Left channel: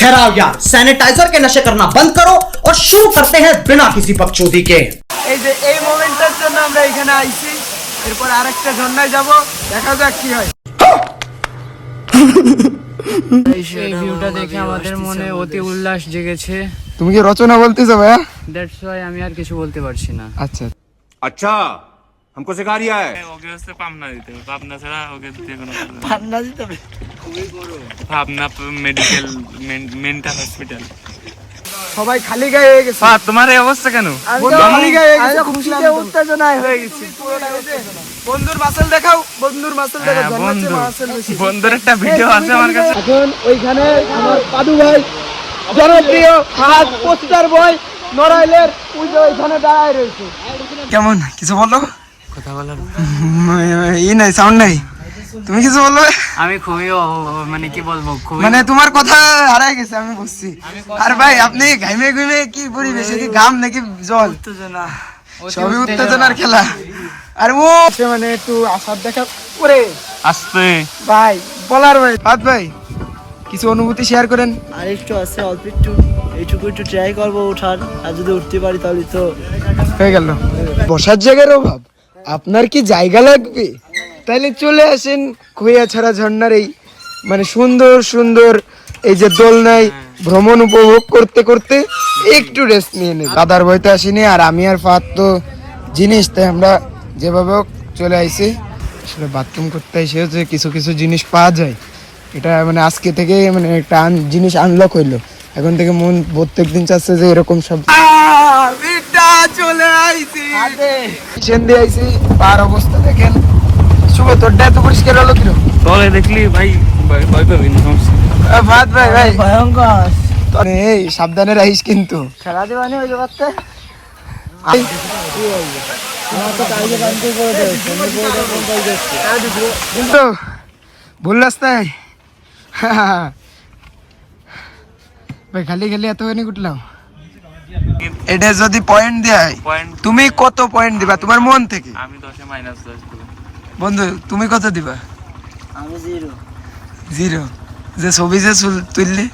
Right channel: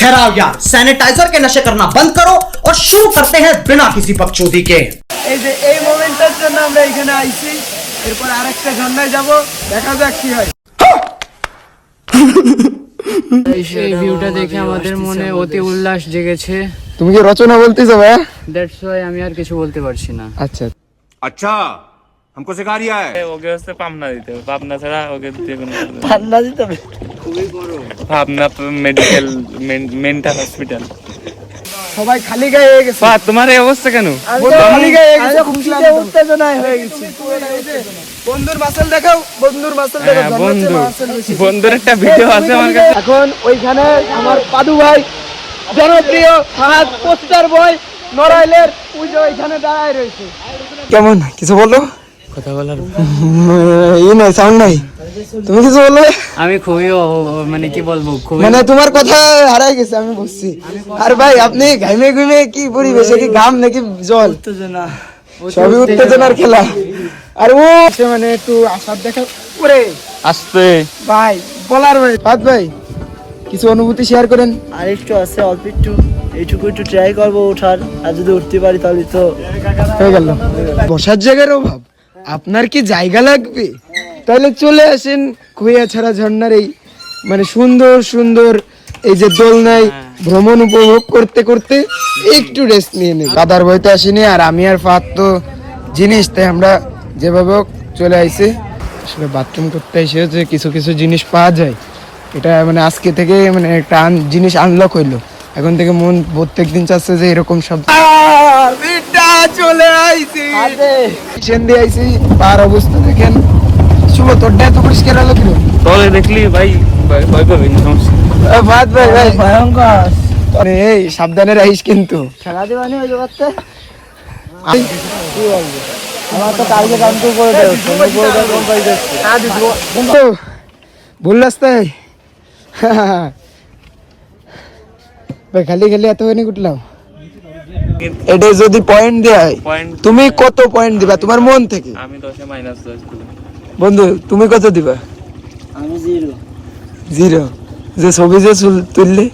ठहराओ यार सैनिटाइजर के नशे करना बंद करो और शुरू करते हैं बिना किसी बकचोदी के এই যে এই মোমেন্টটার জন্য আমরা এখানে আইছি এরপর আরেকটা ঝর্ণায় যাব দেখা যাক কি হয় এই ভিউটা দেখে আমাদের মনে অতি উল্লাস জেগেছে তুমি কি রচনা বলতেছো ভাই দ্যাটস ওয়াই আমি আর কিছু বলতে পারছি না আচ্ছা अच्छा हमको सिखा रिया है ওকে হচ্ছে পাবনা দিতে হবে পাবনা ছাড়া ওকে দিয়ে কোনো কাজ নেই। ঠান্ডা দিতে হবে পাবনা মেডিকেল মেন্টাল হসপিটাল সবাই খালি গায়ে হয়ে গেছে তোমার এই অবস্থা কেন খালি গায়ে হয়ে গেছে খুশিতে উত্তেজনায় হয়ে গেছে বন্ধুর মাসেল দেখাও বন্ধুর মাসেল দেখাও জান্নাতে মাসেল বেশি বন্ধুর একটা ভিডিও আছে আমার কাছে। এখন ওইখানে আমার পাদু ভাই জনপ্রিয় ফাহাদ পোস্টার বয় নড়াইলের পুজো ওইখানে দাঁড়ায় রয়েছে কেমন কিছু বলো কথা বলার ই নাই সাউন্ড নাই। তুমি কিছু বলো? আমি খুবই মানে কি বলব খুবই মানে তোমার কথা হারাই গেছে আমি বুঝছি। আর ভাই আপনি ঘামে ঘুমে কি পরিবেশে কি ঘাম নাকি জল? উত্তেজনা। সবই উত্তেজনার খেলা। আর ও মানে একটু আশার দেখা ওরে! আসতে। ভাই বলার ভাই পাত ভাই কিছু অনুভূতি শেয়ার করেন। আর একটু আছে অল্প একটু। এইটুকু একটু ট্রাই করব ওঠার। আর যদি উঠতে পারি তাহলে তো হয়ে গেল। বসার জায়গার অভাব? আপনার কি জায়গা লাগবে? তাহলে চলে আসেন ছাড়া ঝর্ণার এই মানে সুন্দর সুন্দর এই যে দোলনায় ভ্রমণ উপভোগ করতে করতে একটু রেস্ট নিয়ে নেই। কাদার বইতে আসিনি, আর আমি আর ফাত তো জিনিস, তাই আমরা যেভাবে চলে আইছি। আসলে বাথরুম করতে এসে যে কিছু কিছু জিনিস পাওয়া যায়, এটা মানে আজকে থেকে মানে আন- জিনিস আনলক হইল। এখন থেকে মন প্রত্যেক দিন চাচ্ছে যে এরকম সব বিটা চলে আইছি। সেন দিয়ে আইছি পার অবস্থা দেখেন। শুভ তোরটা এত পরিষ্কার হলো কীরকম তলে দেখলি ভাই ভয় পাবি না সমস্যা ভাত ভাই ভাই। ভয়ঙ্কর। আরে এই সাবধানে রাখিস কিন্তু। খেলা দেবানি ওই আমার তো কালকে করে দেবো ভুল রাস্তায় ভাই খালি খালি এতখানি উঠলাম এটা যদি পয়েন্ট দেয় পয়েন্ট তুমি কত পয়েন্ট দিবা তোমার মন থেকে? আমি দশে মাইনাস দশ দিলাম। বন্ধু তুমি কত দিবা? আমি জিরো জিরো যে ছবি যে তুললে?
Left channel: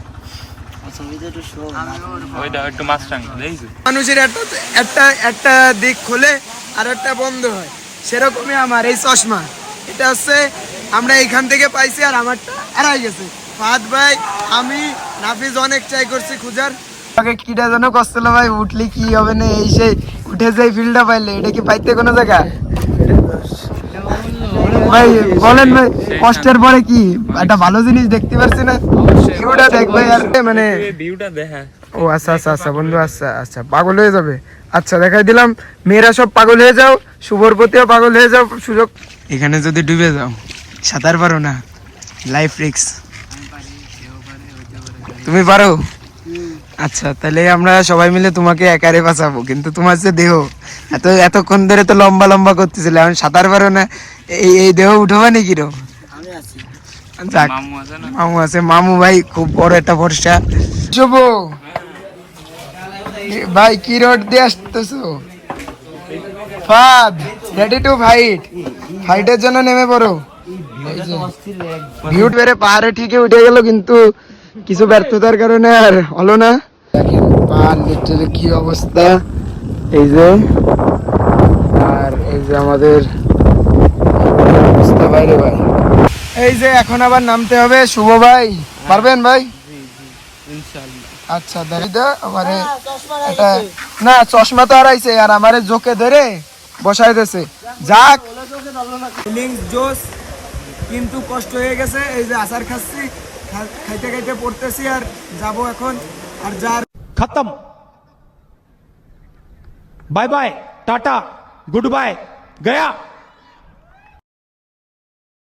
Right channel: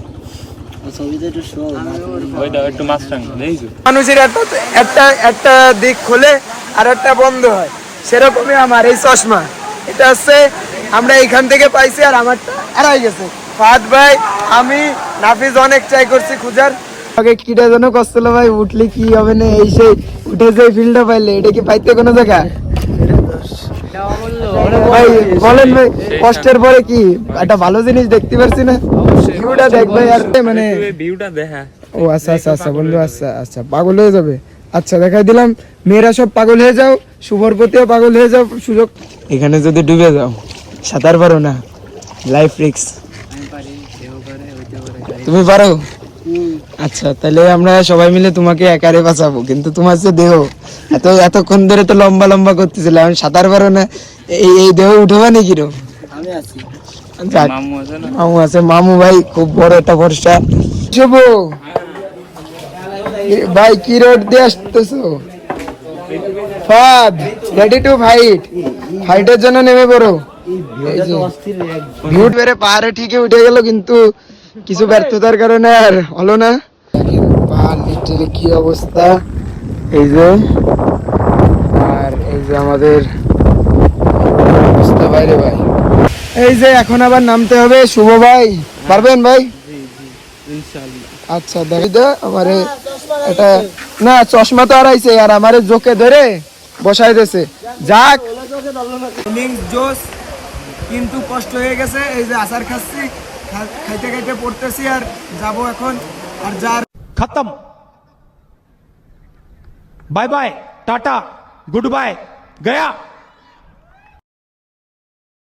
মানুষের একটা একটা একটা দিক খোলে আর একটা বন্ধ হয়। সেরকমই আমার এই চশমা। এটা হচ্ছে আমরা এখান থেকে পাইছি আর আমারটা হারাই গেছে। ফাদ ভাই আমি নাফিজ অনেক ট্রাই করছি খুঁজার। আগে কিটা যেন কষ্ট হলো ভাই উঠলে কি হবে না এই সেই উঠে সেই ফিল্ডটা পাইলে এটা কি পাইতে কোনো জায়গা? ভাই বলেন ভাই কষ্টের পরে কি? একটা ভালো জিনিস দেখতে পারছি না। ভিউটা দেখ ভাই আর মানে ভিউটা দেখা। ও আচ্ছা আচ্ছা আচ্ছা বন্ধু আচ্ছা আচ্ছা পাগল হয়ে যাবে। আচ্ছা দেখাই দিলাম মেয়েরা সব পাগল হয়ে যাও শুভর প্রতিও পাগল হয়ে যাও সুযোগ এখানে যদি ডুবে যাও সাঁতার পারো না লাইফ রিক্স তুমি পারো? আচ্ছা তাহলে আমরা সবাই মিলে তোমাকে একারে বাঁচাবো কিন্তু তোমার যে দেহ এত এতক্ষণ ধরে তো লম্বা লম্বা করতেছিল এখন সাঁতার পারো না। এই এই দেহ উঠবা নাকি রো? আমি আছি। যাক মামু আছে মামু আছে। মামু ভাই খুব বড় একটা ভরসা শুভ। ভাই কি রোড দিয়ে আসতেছো? ফাদ রেডি টু ফাইট ফাইটের জন্য নেমে পড়ো। ভিউট বেড়ে পাহাড়ে ঠিকই উঠে গেল কিন্তু কিছু ব্যর্থতার কারণে আর হলো না। লিটারালি কি অবস্থা? এই যে আর এই যে আমাদের অবস্থা বাইরে ভাই। এই যে এখন আবার নামতে হবে শুভ ভাই। পারবেন ভাই? আচ্ছা দেখি তো আমারে এটা না চশমা তো হারাইছে আর আমারে জোকে ধরে বসাই দিয়েছে। যাক। জোস কিন্তু কষ্ট হয়ে গেছে এই যে আচার খাচ্ছি। খাইতে খাইতে পড়তেছি আর যাব এখন। আর যার খতম। বাই বাই, টাটা, গুড বাই, গয়া।